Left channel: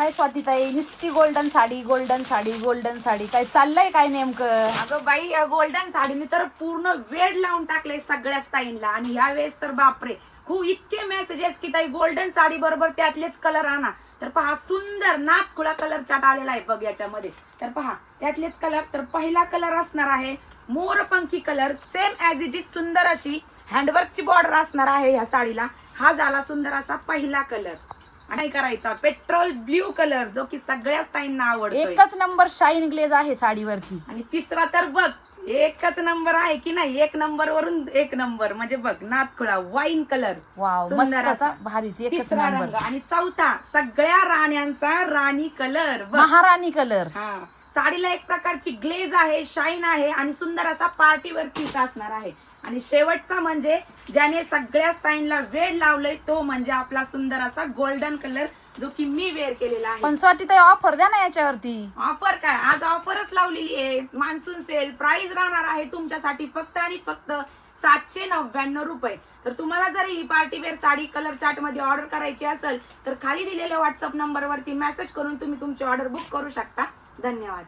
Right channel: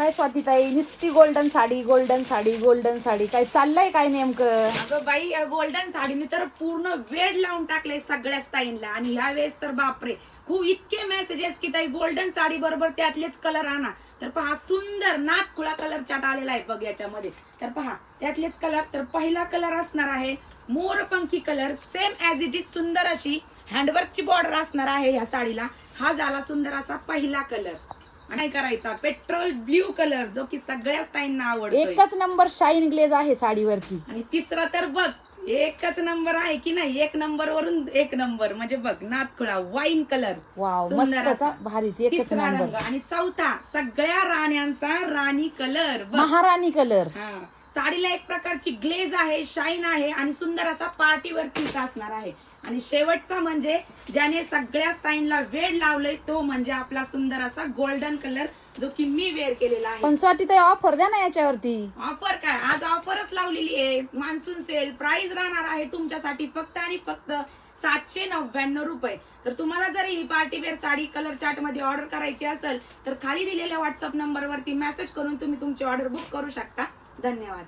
काय स्वातीताई नुसती golden sari golden sari golden sari. काय चाललंय काय नेमकं? अगं बाई या गोल्डन साडीने तर पूर्ण वेळ लावून टाकले सगळ्या ताईंना आणि ह्या वेळेस तर बापरे. खूप इतके मेसेजेस की ताई गोल्डन साडी बरोबर त्यातलेच कलर आणा. तर पहा सुंदर नाथखुळा कलर चाट आलेला आहे बघ याच्यामध्ये. तर पहा त्यातलेच कलर तर पहिला कलर असणार आहे मोरपंखी colour same as it is सुंदर अशी हँडवर्कची बॉर्डर असणार आहे ह्या साडीला. हा झाला सुंदर असा पहिला कलर आणि करायचा? पेट्रोल ब्ल्यू कलर जो की सगळ्याच ताईंना आवडतोय. एकच नंबर शाईन ग्लेज आहे साडीवरती. आणि तिसरा तर बघ एकच नंबर आहे की नाही? एक नंबर वरून एक नंबर. म्हणजे बघ नाथखुळा वाईन कलर. वाव सुंदर मस्त असा. भारीच एकच तिसरा नंबर. रंग. आणि चौथा सगळ्या राण्यांचा राणी कलर. बघ. महाराणी कलर. हा. साडीला एक प्रकारची ग्लेज आहे शाईन आहे आणि सुंदर असा पार्टीवर पीस असणार आहे. आणि शेवटचा म्हणजे ज्याने सगळ्या स्टाईनला वेळ लावलंय तो म्हणजे आपला सुंदर असा गोल्डन कलर जो की मी वेअर केलेला आहे. पण स्वातीताई ऑफर द्या ना याच्यावरती. ऑफर काय? आज ऑफरच लावलेली आहे. मान्सून सेल प्राइस राहणार आहे तुमच्यासाठी फक्त आणि फक्त सातशे नव्याण्णव रुपये. तर तुम्हाला जर ही पार्टीवेअर साडी कलर चार्टमध्ये ऑर्डर करायची असेल तर खाली दिलेल्या व्हॉट्सअप नंबरवरती मेसेज करून तुम्ही तुमची ऑर्डर बुक करू शकता. धन्यवाद.